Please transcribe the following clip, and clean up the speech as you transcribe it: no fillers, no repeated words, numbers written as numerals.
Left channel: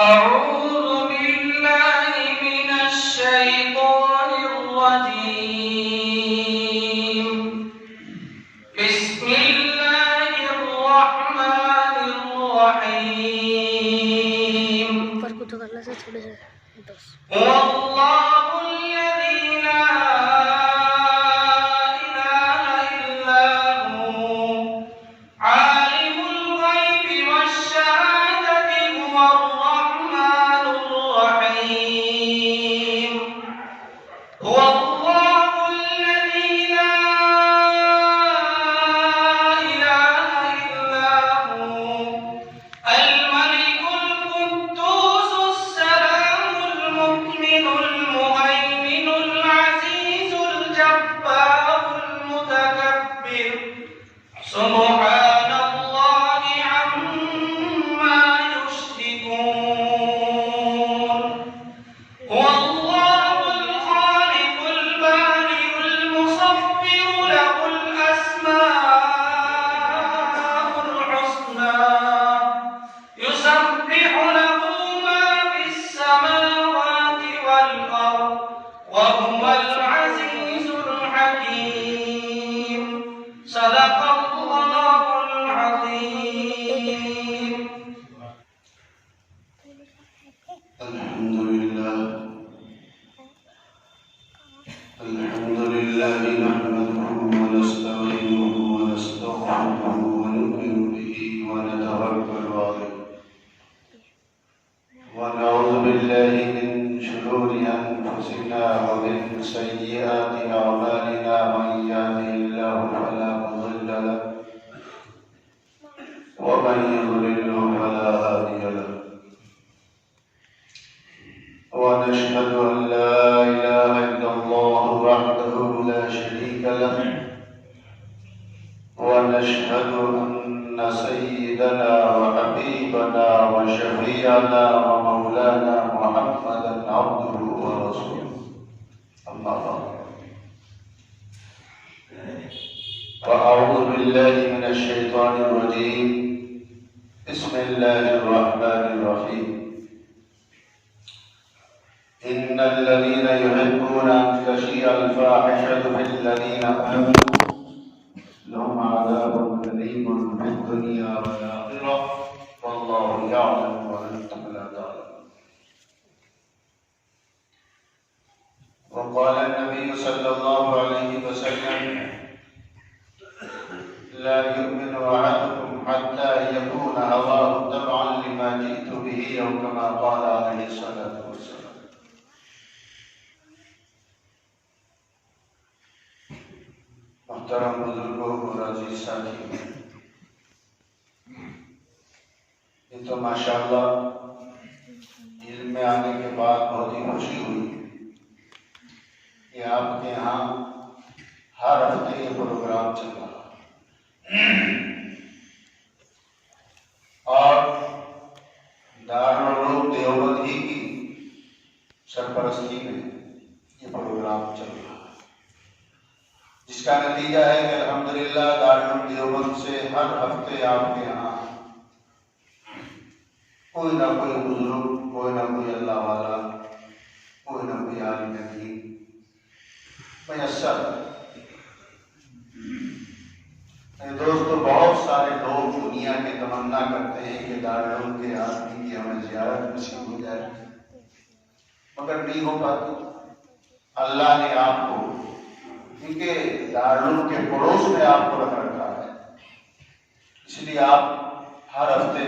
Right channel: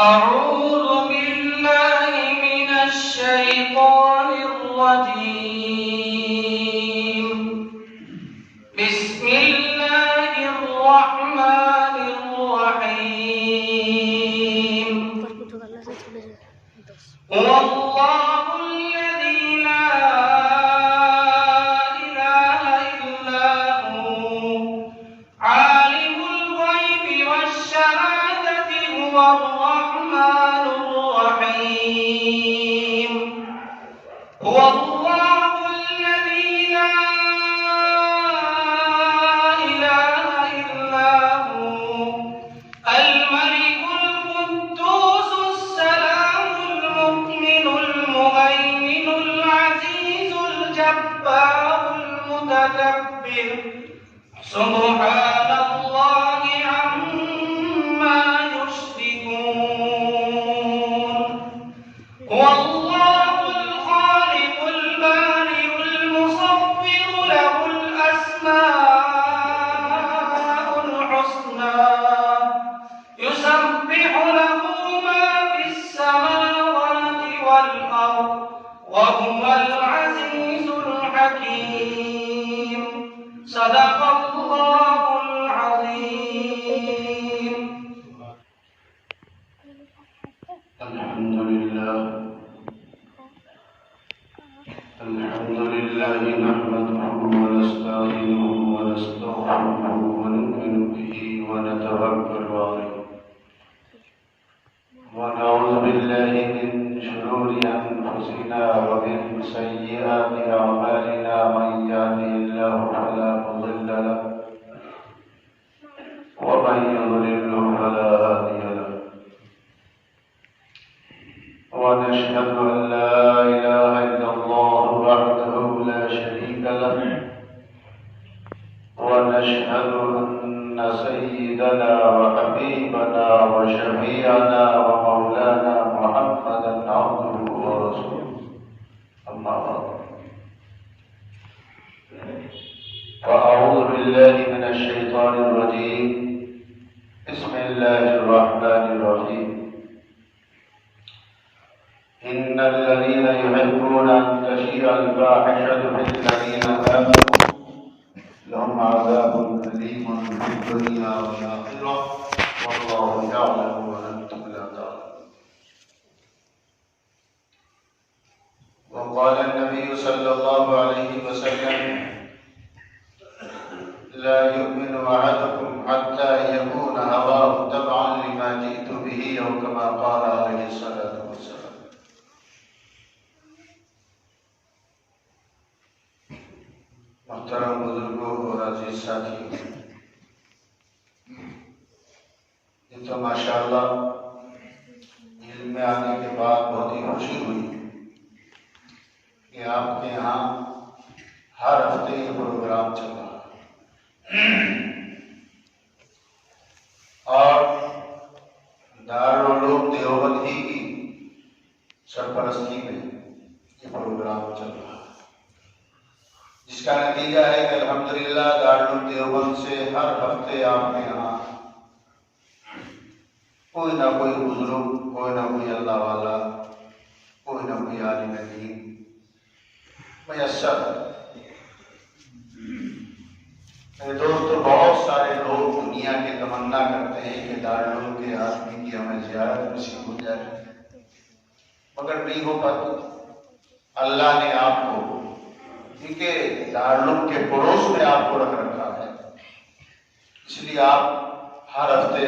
أعوذ بالله من الشيطان الرجيم. بسم الله الرحمن الرحيم. والله الذي لا إله إلا هو عالم الغيب والشهادة هو الرحمن الرحيم. هو الله الذي لا إله إلا هو الملك القدوس السلام المؤمن المهيمن العزيز الجبار المتكبر سبحان الله عما يشركون. والله الخالق البارئ المصور له الأسماء الحسنى يسبح له ما في السماوات والأرض وهو العزيز الحكيم. صدق الله العظيم. الحمد لله نحمده ونستعينه ونستغفره ونؤمن به ونتوكل عليه ونعوذ بالله من شرور أنفسنا ومن سيئات أعمالنا. من يهده الله فلا مضل له ومن يضلل فلا هادي له. ونشهد أن لا إله إلا الله وحده لا شريك له. ونشهد أن سيدنا وحبيبنا وشفيعنا ومولانا محمدا عبده ورسوله. أما بعد، فأعوذ بالله من الشيطان الرجيم. بسم الله الرحمن الرحيم. إن الذين يحبون أن تشيع الفاحشة في الذين آمنوا لهم عذاب أليم في الدنيا والآخرة والله يعلم وأنتم لا تعلمون. وقال النبي صلى الله عليه وسلم: لا يؤمن أحدكم حتى يكون هواه تبعا لما جئت به، أو كما قال عليه الصلاة والسلام. محترم بزرگوں اور عزیز ساتھی، یہ تو ماشاءاللہ علم میں آنے کے بعد بہت ہی خوشی ہوئی کہ آپ کے یہاں ہر ہفتے یہ پروگرام چل رہا اور دارالعلوم دیوبند ہی کی سرپرستی میں یہ پروگرام چل رہا ہے، جس کا نتیجہ ہے کہ الحمدللہ دارالعلوم دیوبند سے ہر ہفتے آپ کے یہاں کوئی نہ کوئی بزرگ، کوئی نہ کوئی اللہ والا، کوئی نہ کوئی عالم دین میسر ہے۔ دوستو، بہت سارے لوگ دنیا کے تمنا کرتے ہیں کہ دارالعلوم کے آدمی کی ہمیں زیارت نصیب ہو جائے، مگر نہیں ہو پاتی۔ اللہ نے آپ کو کیونکہ دارالعلوم کے پڑوس میں آپ کو رکھ رکھا ہے، اس لیے آپ ہر ہفتے